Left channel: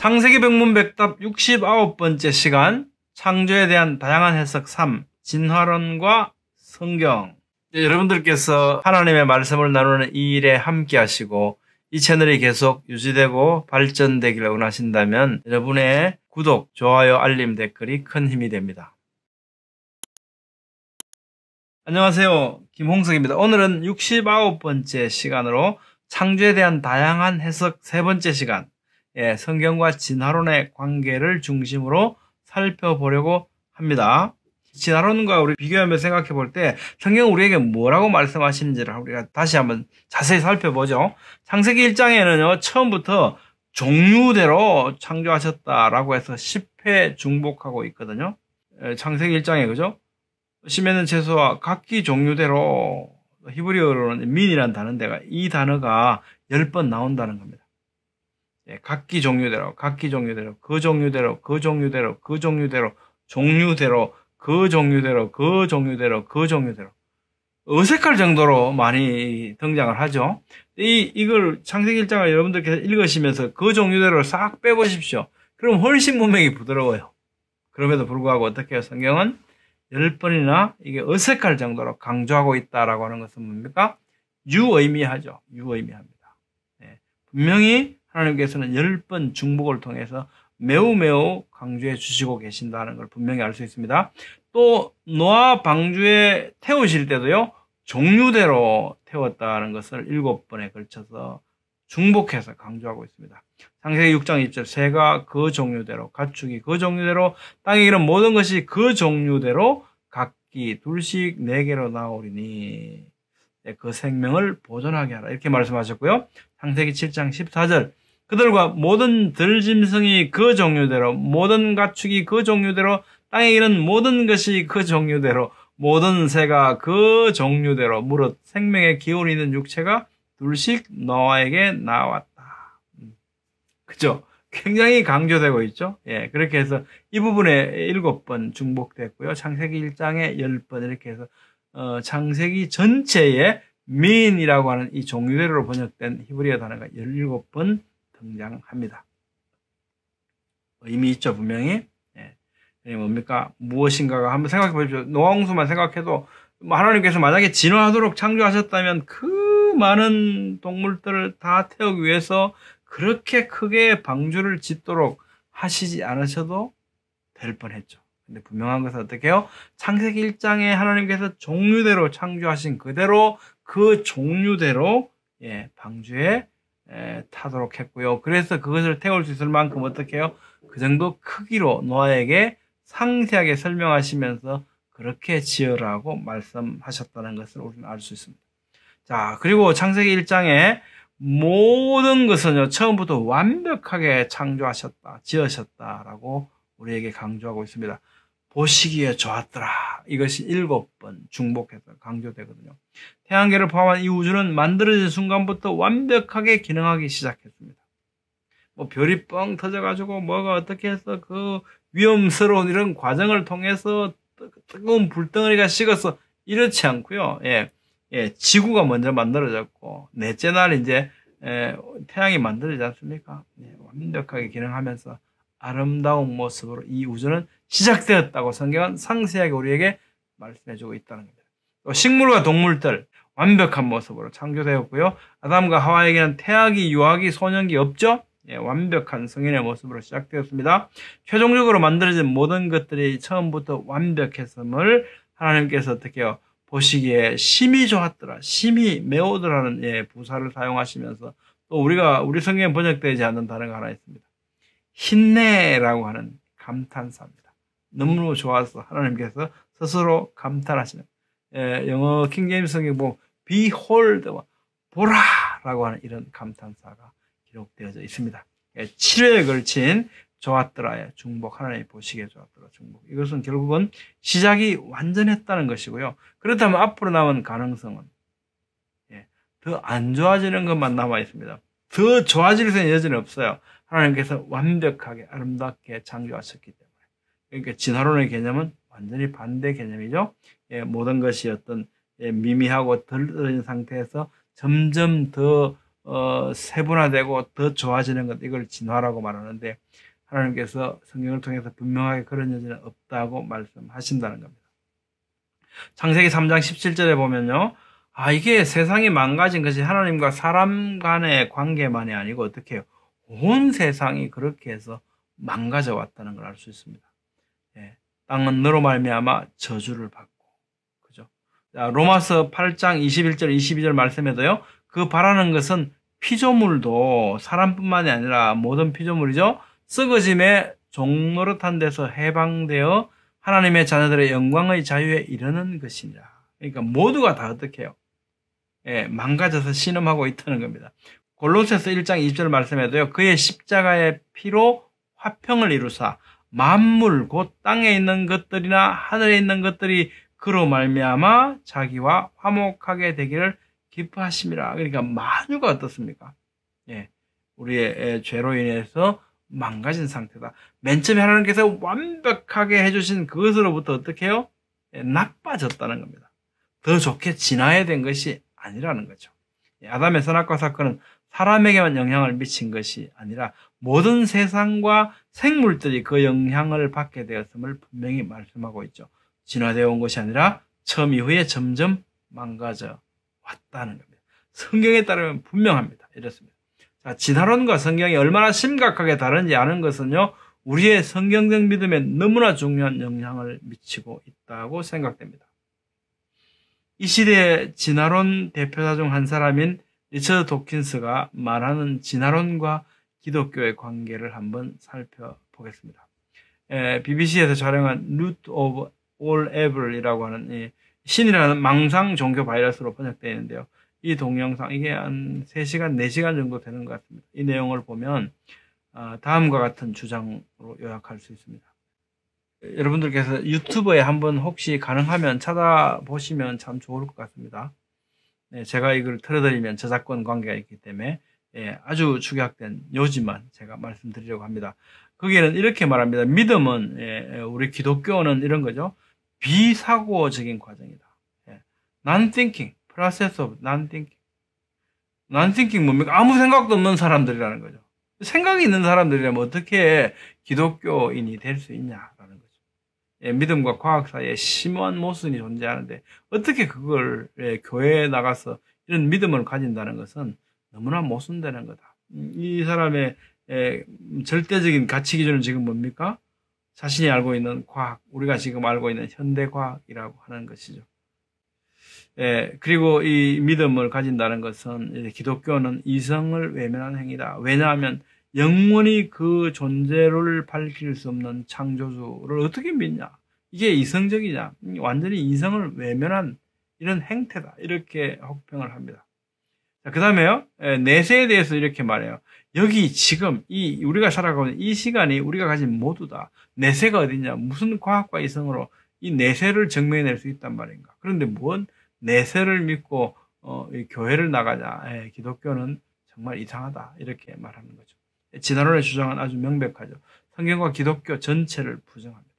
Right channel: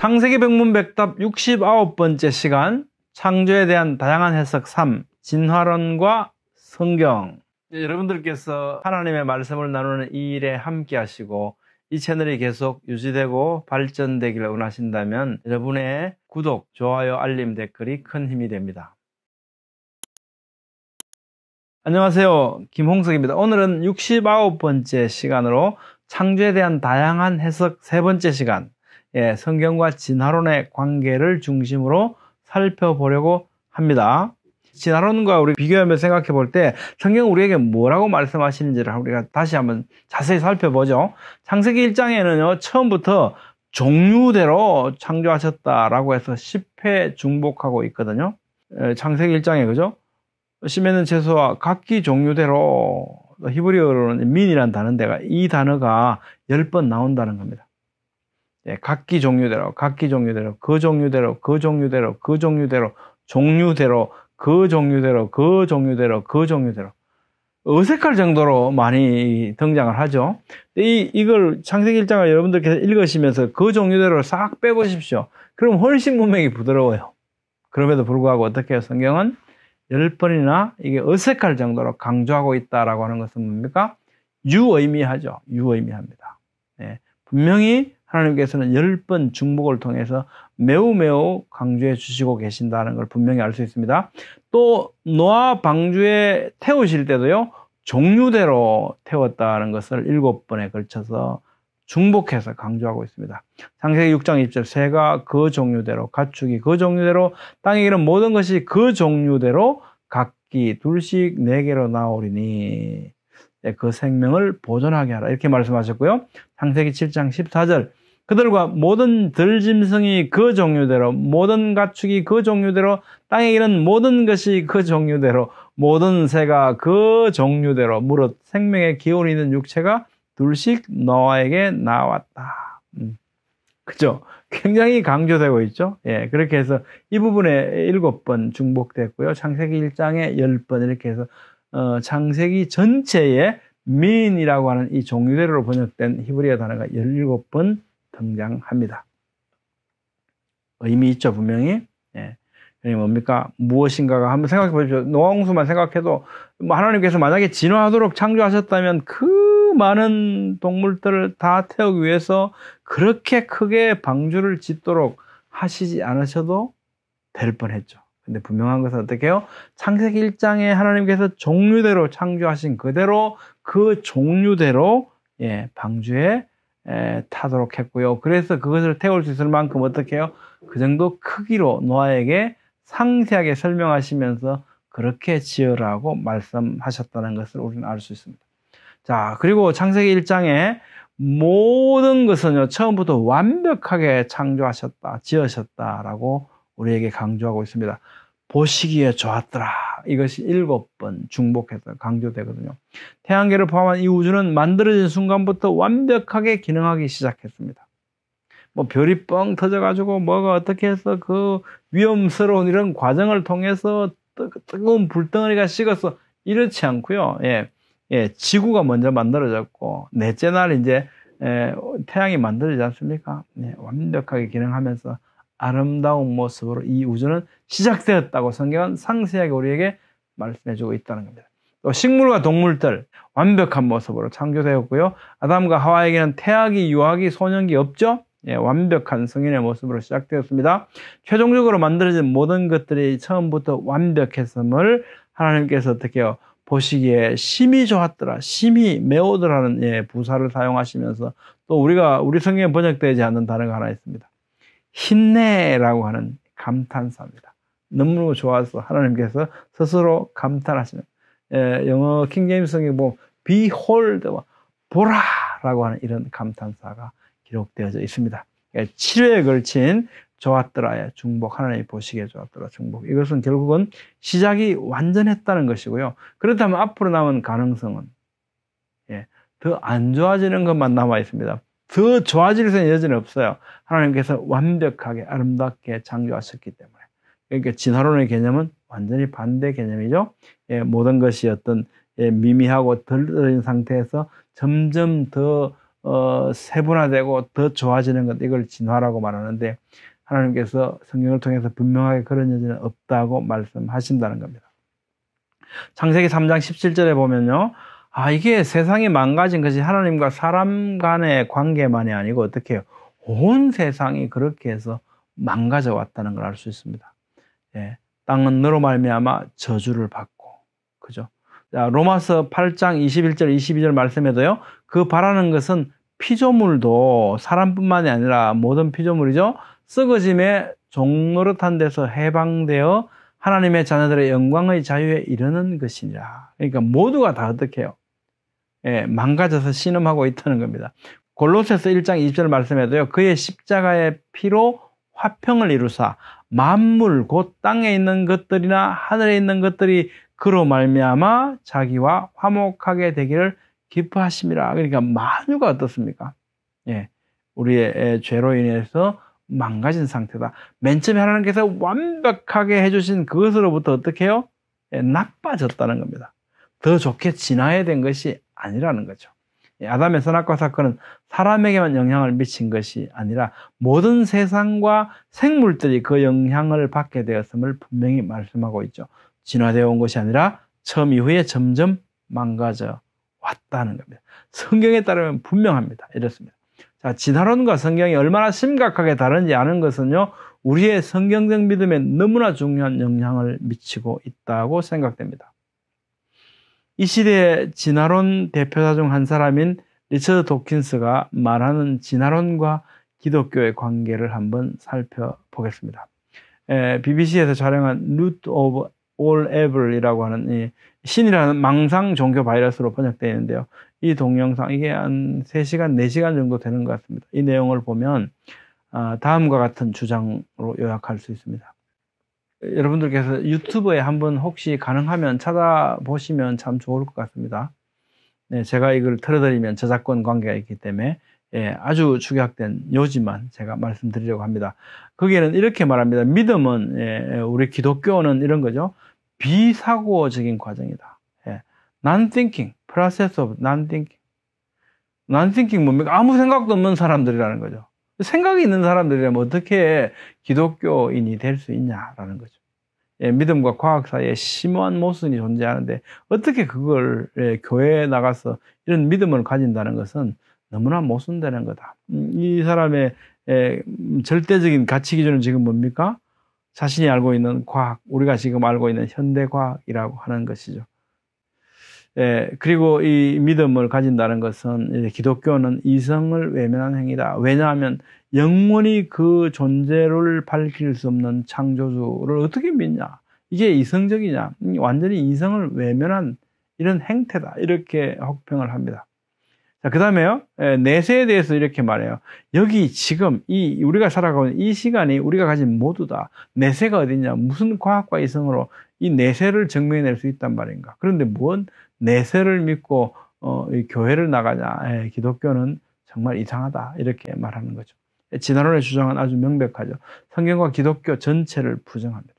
창세기 백문백답 69번째 시간, 창조에 대한 다양한 해석 3, 진화론과 성경. 여러분들께서 하나님의 말씀을 나누는 이 일에 함께 하시고 이 채널이 계속 유지되고 발전되기를 원하신다면 여러분의 구독, 좋아요, 알림, 댓글이 큰 힘이 됩니다. 안녕하세요, 김홍석입니다. 오늘은 69번째 시간으로 창조에 대한 다양한 해석 3번째 시간, 성경과 진화론의 관계를 중심으로 살펴보려고 합니다. 진화론과 우리 비교하며 생각해 볼 때 성경은 우리에게 뭐라고 말씀하시는지를 우리가 다시 한번 자세히 살펴보죠. 창세기 1장에는요, 처음부터 종류대로 창조하셨다라고 해서 10회 중복하고 있거든요. 창세기 1장에, 그죠? 심에는 채소와 각기 종류대로, 히브리어로는 민이라는 단어인데가 이 단어가 10번 나온다는 겁니다. 각기 종류대로, 각기 종류대로, 그 종류대로, 그 종류대로, 그 종류대로, 종류대로, 그 종류대로, 그 종류대로, 그 종류대로. 어색할 정도로 많이 등장을 하죠. 이걸 창세기 1장을 여러분들께서 읽으시면서 그 종류대로 싹 빼보십시오. 그럼 훨씬 문맥이 부드러워요. 그럼에도 불구하고 어떻게 해요? 성경은 10번이나 이게 어색할 정도로 강조하고 있다라고 하는 것은 뭡니까? 유의미하죠. 유의미합니다. 분명히 하나님께서는 10번 중복을 통해서 매우 강조해 주시고 계신다는 걸 분명히 알 수 있습니다. 또 노아 방주에 태우실 때도요, 종류대로 태웠다는 것을 7번에 걸쳐서 중복해서 강조하고 있습니다. 창세기 6장 20절, 새가 그 종류대로, 가축이 그 종류대로, 땅에 이른 모든 것이 그 종류대로 각기 둘씩 4개로 나오리니 그 생명을 보존하게 하라, 이렇게 말씀하셨고요. 창세기 7장 14절, 그들과 모든 들짐승이 그 종류대로, 모든 가축이 그 종류대로, 땅에 이른 모든 것이 그 종류대로, 모든 새가 그 종류대로, 무릇 생명의 기운이 있는 육체가 둘씩 노아에게 나왔다. 그죠? 굉장히 강조되고 있죠? 그렇게 해서 이 부분에 7번 중복됐고요. 창세기 1장에 10번 이렇게 해서, 창세기 전체에 민이라고 하는 이 종류대로로 번역된 히브리어 단어가 17번 등장합니다. 의미 있죠, 분명히. 그게 뭡니까? 무엇인가가 한번 생각해 보십시오. 노아홍수만 생각해도 하나님께서 만약에 진화하도록 창조하셨다면 그 많은 동물들을 다 태우기 위해서 그렇게 크게 방주를 짓도록 하시지 않으셔도 될 뻔했죠. 근데 분명한 것은 어떻게 해요? 창세기 1장에 하나님께서 종류대로 창조하신 그대로 그 종류대로 방주에 타도록 했고요. 그래서 그것을 태울 수 있을 만큼 어떻게 해요? 그 정도 크기로 노아에게 상세하게 설명하시면서 그렇게 지으라고 말씀하셨다는 것을 우리는 알 수 있습니다. 자, 그리고 창세기 1장에 모든 것은요, 처음부터 완벽하게 창조하셨다, 지으셨다라고 우리에게 강조하고 있습니다. 보시기에 좋았더라. 이것이 7번 중복해서 강조되거든요. 태양계를 포함한 이 우주는 만들어진 순간부터 완벽하게 기능하기 시작했습니다. 별이 뻥 터져가지고 뭐가 어떻게 해서 그 위험스러운 이런 과정을 통해서 뜨거운 불덩어리가 식어서 이렇지 않고요. 지구가 먼저 만들어졌고 넷째 날 이제 태양이 만들어지지 않습니까? 완벽하게 기능하면서 아름다운 모습으로 이 우주는 시작되었다고 성경은 상세하게 우리에게 말씀해주고 있다는 겁니다. 또 식물과 동물들 완벽한 모습으로 창조되었고요. 아담과 하와에게는 태아기, 유아기, 소년기 없죠? 완벽한 성인의 모습으로 시작되었습니다. 최종적으로 만들어진 모든 것들이 처음부터 완벽했음을 하나님께서 어떻게 해요? 보시기에 심히 좋았더라, 심히 매우더라는 부사를 사용하시면서 또 우리 성경에 번역되지 않는 단어가 하나 있습니다. 힘내라고 하는 감탄사입니다. 너무 좋아서 하나님께서 스스로 감탄하시는, 영어 킹제임스 성경에 보면 behold, 보라라고 하는 이런 감탄사가 기록되어져 있습니다. 7회에 걸친 좋았더라의 중복, 하나님이 보시기에 좋았더라 중복, 이것은 결국은 시작이 완전했다는 것이고요. 그렇다면 앞으로 남은 가능성은 더 안 좋아지는 것만 남아 있습니다. 더 좋아질 수 있는 여지는 없어요. 하나님께서 완벽하게 아름답게 창조하셨기 때문에. 그러니까 진화론의 개념은 완전히 반대 개념이죠. 모든 것이 어떤 미미하고 덜 떨어진 상태에서 점점 더 세분화되고 더 좋아지는 것, 이걸 진화라고 말하는데, 하나님께서 성경을 통해서 분명하게 그런 여지는 없다고 말씀하신다는 겁니다. 창세기 3장 17절에 보면요, 이게 세상이 망가진 것이 하나님과 사람 간의 관계만이 아니고 어떻게 해요? 온 세상이 그렇게 해서 망가져 왔다는 걸 알 수 있습니다. 예, 땅은 너로 말미암아 저주를 받고, 그죠? 자, 로마서 8장 21절 22절 말씀에도요, 그 바라는 것은 피조물도 사람뿐만이 아니라 모든 피조물이죠, 썩어짐의 종노릇한 데서 해방되어 하나님의 자녀들의 영광의 자유에 이르는 것이니라. 그러니까 모두가 다 어떻게 해요? 예, 망가져서 신음하고 있다는 겁니다. 골로새서 1장 20절 말씀에도요, 그의 십자가의 피로 화평을 이루사 만물 곧 땅에 있는 것들이나 하늘에 있는 것들이 그로 말미암아 자기와 화목하게 되기를 기뻐하심이라. 그러니까 만유가 어떻습니까? 예, 우리의 죄로 인해서 망가진 상태다. 맨 처음에 하나님께서 완벽하게 해주신 그것으로부터 어떻게 해요? 예, 나빠졌다는 겁니다. 더 좋게 진화해야 된 것이 아니라는 거죠. 예, 아담의 선악과 사건은 사람에게만 영향을 미친 것이 아니라 모든 세상과 생물들이 그 영향을 받게 되었음을 분명히 말씀하고 있죠. 진화되어 온 것이 아니라 처음 이후에 점점 망가져 왔다는 겁니다. 성경에 따르면 분명합니다. 이렇습니다. 자, 진화론과 성경이 얼마나 심각하게 다른지 아는 것은요, 우리의 성경적 믿음에 너무나 중요한 영향을 미치고 있다고 생각됩니다. 이 시대의 진화론 대표자 중 한 사람인 리처드 도킨스가 말하는 진화론과 기독교의 관계를 한번 살펴보겠습니다. BBC에서 촬영한 Root of All Evil이라고 하는 이 신이라는 망상 종교 바이러스로 번역되어 있는데요. 이 동영상, 이게 한 3시간, 4시간 정도 되는 것 같습니다. 이 내용을 보면 다음과 같은 주장으로 요약할 수 있습니다. 여러분들께서 유튜브에 한번 혹시 가능하면 찾아보시면 참 좋을 것 같습니다. 네, 제가 이걸 틀어드리면 저작권 관계가 있기 때문에 아주 축약된 요지만 제가 말씀드리려고 합니다. 거기에는 이렇게 말합니다. 믿음은, 우리 기독교는 이런 거죠. 비사고적인 과정이다. Non-thinking, process of non-thinking. Non-thinking 뭡니까? 아무 생각도 없는 사람들이라는 거죠. 생각이 있는 사람들이라면 어떻게 기독교인이 될 수 있냐라는 거죠. 믿음과 과학 사이에 심오한 모순이 존재하는데 어떻게 그걸 교회에 나가서 이런 믿음을 가진다는 것은 너무나 모순되는 거다. 이 사람의 절대적인 가치 기준은 지금 뭡니까? 자신이 알고 있는 과학, 우리가 지금 알고 있는 현대과학이라고 하는 것이죠. 그리고 이 믿음을 가진다는 것은 기독교는 이성을 외면한 행위다. 왜냐하면 영원히 그 존재를 밝힐 수 없는 창조주를 어떻게 믿냐? 이게 이성적이냐? 완전히 이성을 외면한 이런 행태다. 이렇게 혹평을 합니다. 자, 그 다음에요. 내세에 대해서 이렇게 말해요. 여기 지금 우리가 살아가고 있는 이 시간이 우리가 가진 모두다. 내세가 어디냐? 무슨 과학과 이성으로 이 내세를 증명해낼 수 있단 말인가? 그런데 뭔 내세를 믿고 이 교회를 나가냐? 기독교는 정말 이상하다. 이렇게 말하는 거죠. 진화론의 주장은 아주 명백하죠. 성경과 기독교 전체를 부정합니다.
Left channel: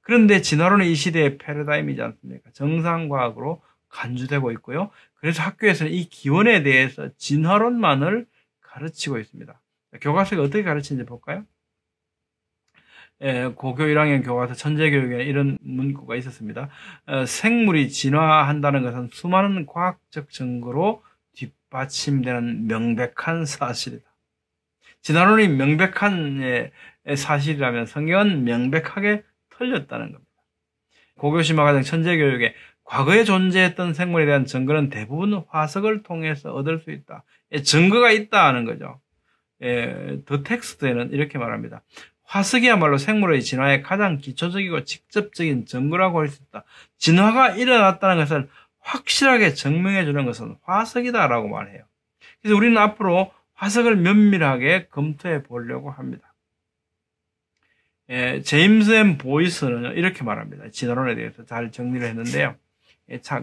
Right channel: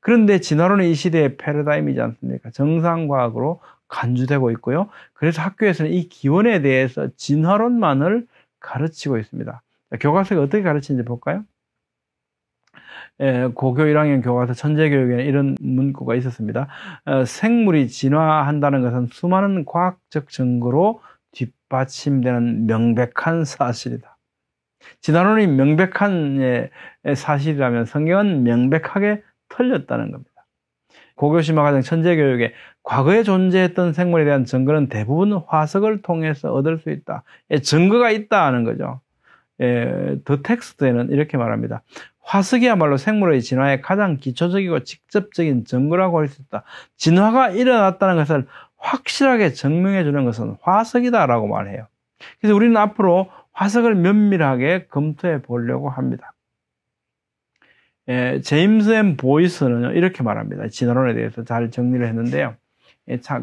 그런데 진화론은 이 시대의 패러다임이지 않습니까? 정상과학으로 간주되고 있고요. 그래서 학교에서는 이 기원에 대해서 진화론만을 가르치고 있습니다. 교과서에 어떻게 가르치는지 볼까요? 고교 1학년 교과서 천재교육에는 이런 문구가 있었습니다. 생물이 진화한다는 것은 수많은 과학적 증거로 뒷받침되는 명백한 사실이다. 진화론이 명백한 사실이라면 성경은 명백하게 틀렸다는 겁니다. 고교심화과정 천재교육에 과거에 존재했던 생물에 대한 증거는 대부분 화석을 통해서 얻을 수 있다. 증거가 있다 하는 거죠. 더 텍스트에는 이렇게 말합니다. 화석이야말로 생물의 진화의 가장 기초적이고 직접적인 증거라고 할 수 있다. 진화가 일어났다는 것을 확실하게 증명해 주는 것은 화석이다라고 말해요. 그래서 우리는 앞으로 화석을 면밀하게 검토해 보려고 합니다. 제임스 엠 보이스는 이렇게 말합니다. 진화론에 대해서 잘 정리를 했는데요.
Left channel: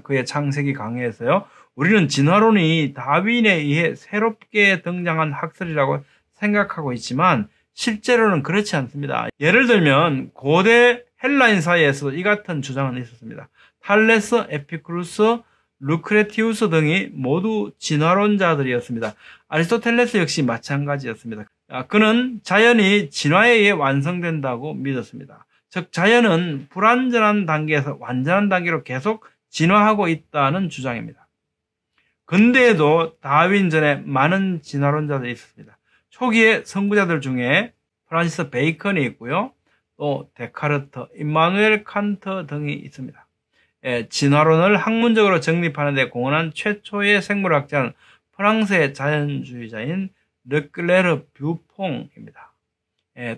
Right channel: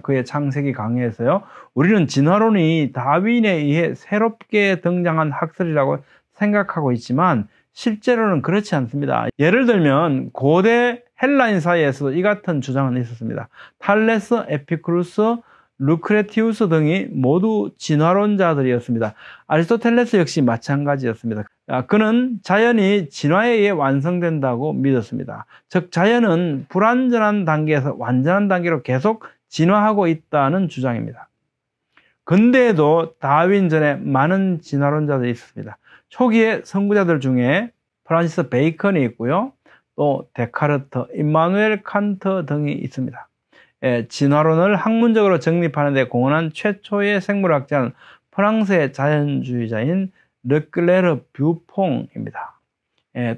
그의 창세기 강의에서요. 우리는 진화론이 다윈에 의해 새롭게 등장한 학설이라고 생각하고 있지만 실제로는 그렇지 않습니다. 예를 들면 고대 헬라인 사이에서 이 같은 주장은 있었습니다. 탈레스, 에피쿠루스, 루크레티우스 등이 모두 진화론자들이었습니다. 아리스토텔레스 역시 마찬가지였습니다. 그는 자연이 진화에 의해 완성된다고 믿었습니다. 즉 자연은 불완전한 단계에서 완전한 단계로 계속 진화하고 있다는 주장입니다. 근대에도 다윈 전에 많은 진화론자들이 있었습니다. 초기의 선구자들 중에 프란시스 베이컨이 있고요. 또 데카르트, 임마누엘 칸트 등이 있습니다. 진화론을 학문적으로 정립하는 데 공헌한 최초의 생물학자는 프랑스의 자연주의자인 르클레르 뷰퐁입니다.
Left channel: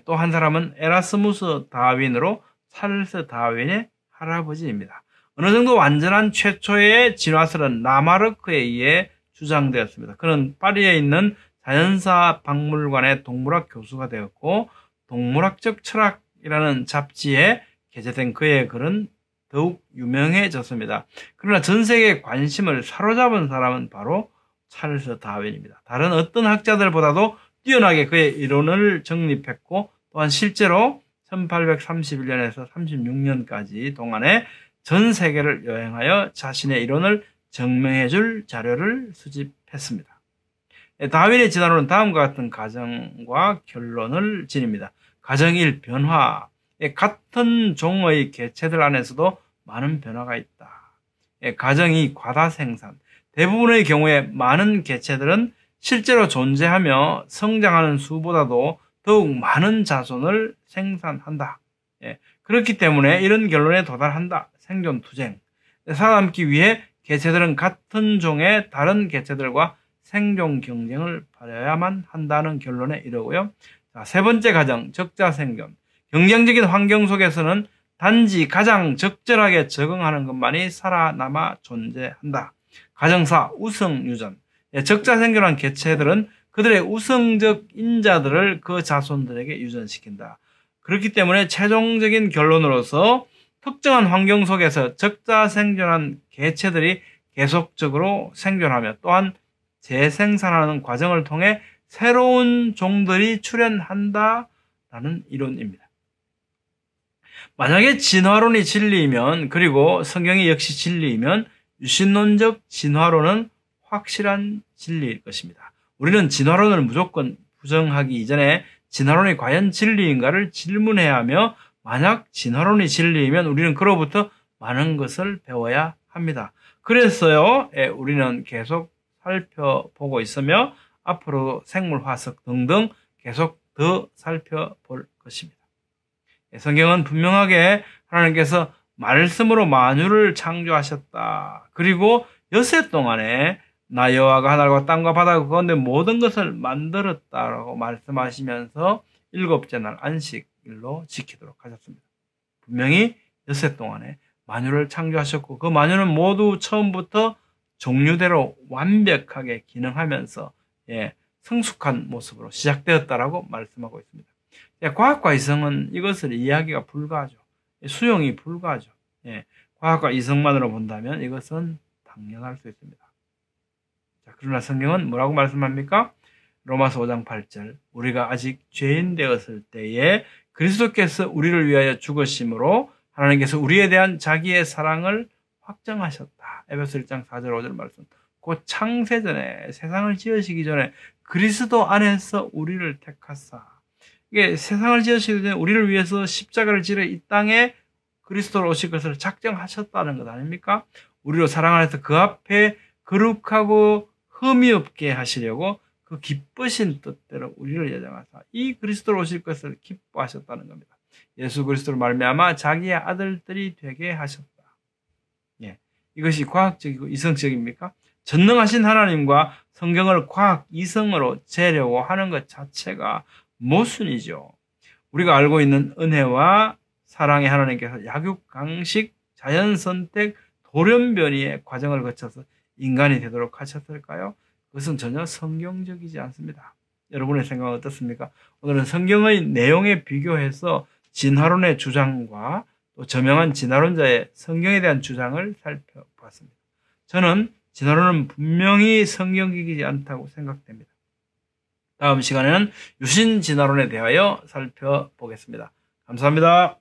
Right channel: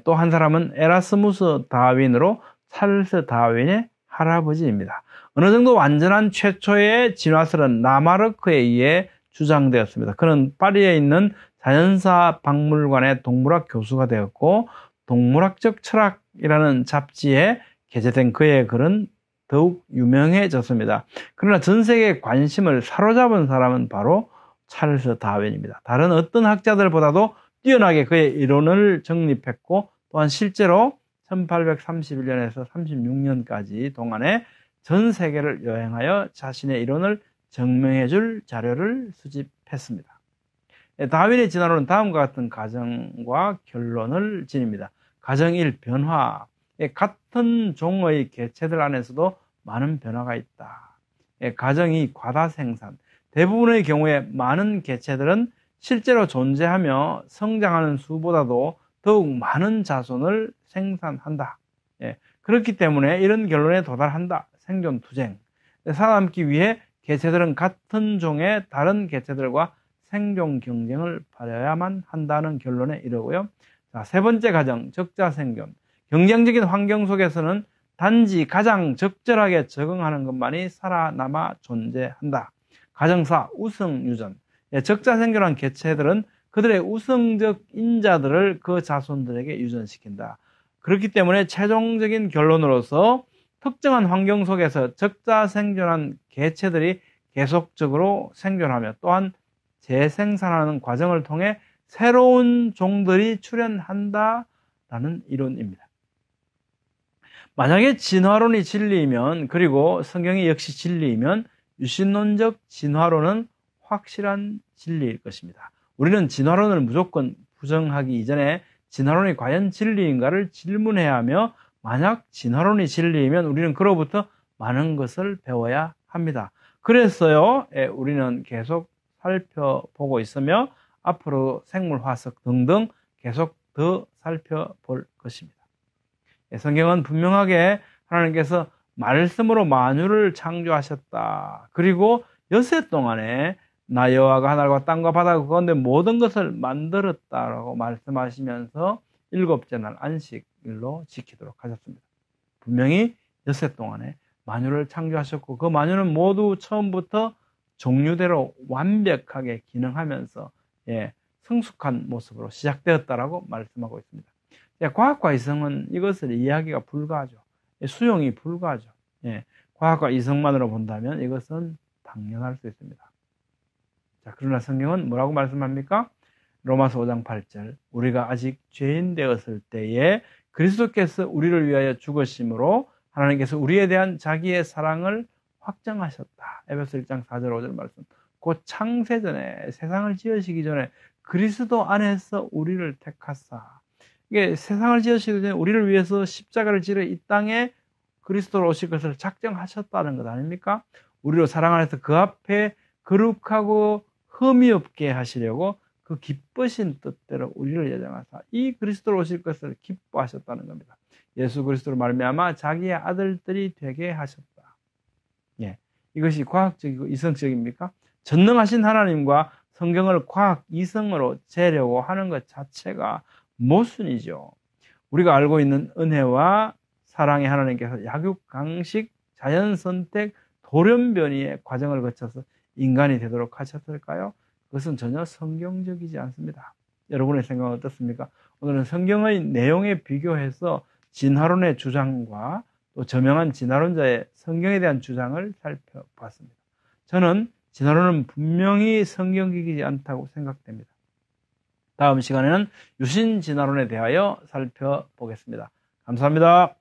또 한 사람은 에라스무스 다윈으로 찰스 다윈의 할아버지입니다. 어느 정도 완전한 최초의 진화설은 라마르크에 의해 주장되었습니다. 그는 파리에 있는 자연사 박물관의 동물학 교수가 되었고 동물학적 철학이라는 잡지에 게재된 그의 글은 더욱 유명해졌습니다. 그러나 전 세계의 관심을 사로잡은 사람은 바로 찰스 다윈입니다. 다른 어떤 학자들보다도 뛰어나게 그의 이론을 정립했고 또한 실제로 1831년에서 36년까지 동안에 전 세계를 여행하여 자신의 이론을 증명해 줄 자료를 수집했습니다. 다윈의 진화론은 다음과 같은 가정과 결론을 지닙니다. 가정 1. 변화. 같은 종의 개체들 안에서도 많은 변화가 있다. 가정 2. 과다 생산. 대부분의 경우에 많은 개체들은 실제로 존재하며 성장하는 수보다도 더욱 많은 자손을 생산한다. 그렇기 때문에 이런 결론에 도달한다. 생존 투쟁. 살아남기 위해 개체들은 같은 종의 다른 개체들과 생존 경쟁을 벌여야만 한다는 결론에 이르고요. 자, 세 번째 가정, 적자 생존. 경쟁적인 환경 속에서는 단지 가장 적절하게 적응하는 것만이 살아남아 존재한다. 가정 4, 우성 유전. 적자 생존한 개체들은 그들의 우성적 인자들을 그 자손들에게 유전시킨다. 그렇기 때문에 최종적인 결론으로서 특정한 환경 속에서 적자 생존한 개체들이 계속적으로 생존하며 또한 재생산하는 과정을 통해 새로운 종들이 출현한다라는 이론입니다. 만약에 진화론이 진리이면 그리고 성경이 역시 진리이면 유신론적 진화론은 확실한 진리일 것입니다. 우리는 진화론을 무조건 부정하기 이전에 진화론이 과연 진리인가를 질문해야 하며 만약 진화론이 진리이면 우리는 그로부터 많은 것을 배워야 합니다. 그래서요, 우리는 계속 살펴보고 있으며 앞으로 생물화석 등등 계속 더 살펴볼 것입니다. 성경은 분명하게 하나님께서 말씀으로 만유를 창조하셨다. 그리고 엿새 동안에 나 여호와가 하늘과 땅과 바다 그 가운데 모든 것을 만들었다라고 말씀하시면서 일곱째 날 안식일로 지키도록 하셨습니다. 분명히 엿새 동안에 만유를 창조하셨고 그 만유는 모두 처음부터 종류대로 완벽하게 기능하면서 성숙한 모습으로 시작되었다라고 말씀하고 있습니다. 과학과 이성은 이것을 이해하기가 불가하죠. 수용이 불가하죠. 과학과 이성만으로 본다면 이것은 당연할 수 있습니다. 자, 그러나 성경은 뭐라고 말씀합니까? 로마서 5장 8절 우리가 아직 죄인 되었을 때에 그리스도께서 우리를 위하여 죽으심으로 하나님께서 우리에 대한 자기의 사랑을 확정하셨다. 에베소 1장 4절 5절 말씀. 곧 창세전에 세상을 지으시기 전에 그리스도 안에서 우리를 택하사. 이게 세상을 지으시기 전에 우리를 위해서 십자가를 지려 이 땅에 그리스도로 오실 것을 작정하셨다는 것 아닙니까? 우리로 사랑 안에서 그 앞에 거룩하고 흠이 없게 하시려고 그 기쁘신 뜻대로 우리를 예정하사 이 그리스도로 오실 것을 기뻐하셨다는 겁니다. 예수 그리스도로 말미암아 자기의 아들들이 되게 하셨다. 이것이 과학적이고 이성적입니까? 전능하신 하나님과 성경을 과학 이성으로 재려고 하는 것 자체가 모순이죠. 우리가 알고 있는 은혜와 사랑의 하나님께서 약육, 강식, 자연 선택, 돌연변이의 과정을 거쳐서 인간이 되도록 하셨을까요? 그것은 전혀 성경적이지 않습니다. 여러분의 생각은 어떻습니까? 오늘은 성경의 내용에 비교해서 진화론의 주장과 또 저명한 진화론자의 성경에 대한 주장을 살펴봤습니다. 저는 진화론은 분명히 성경적이지 않다고 생각됩니다. 다음 시간에는 유신 진화론에 대하여 살펴보겠습니다. 감사합니다.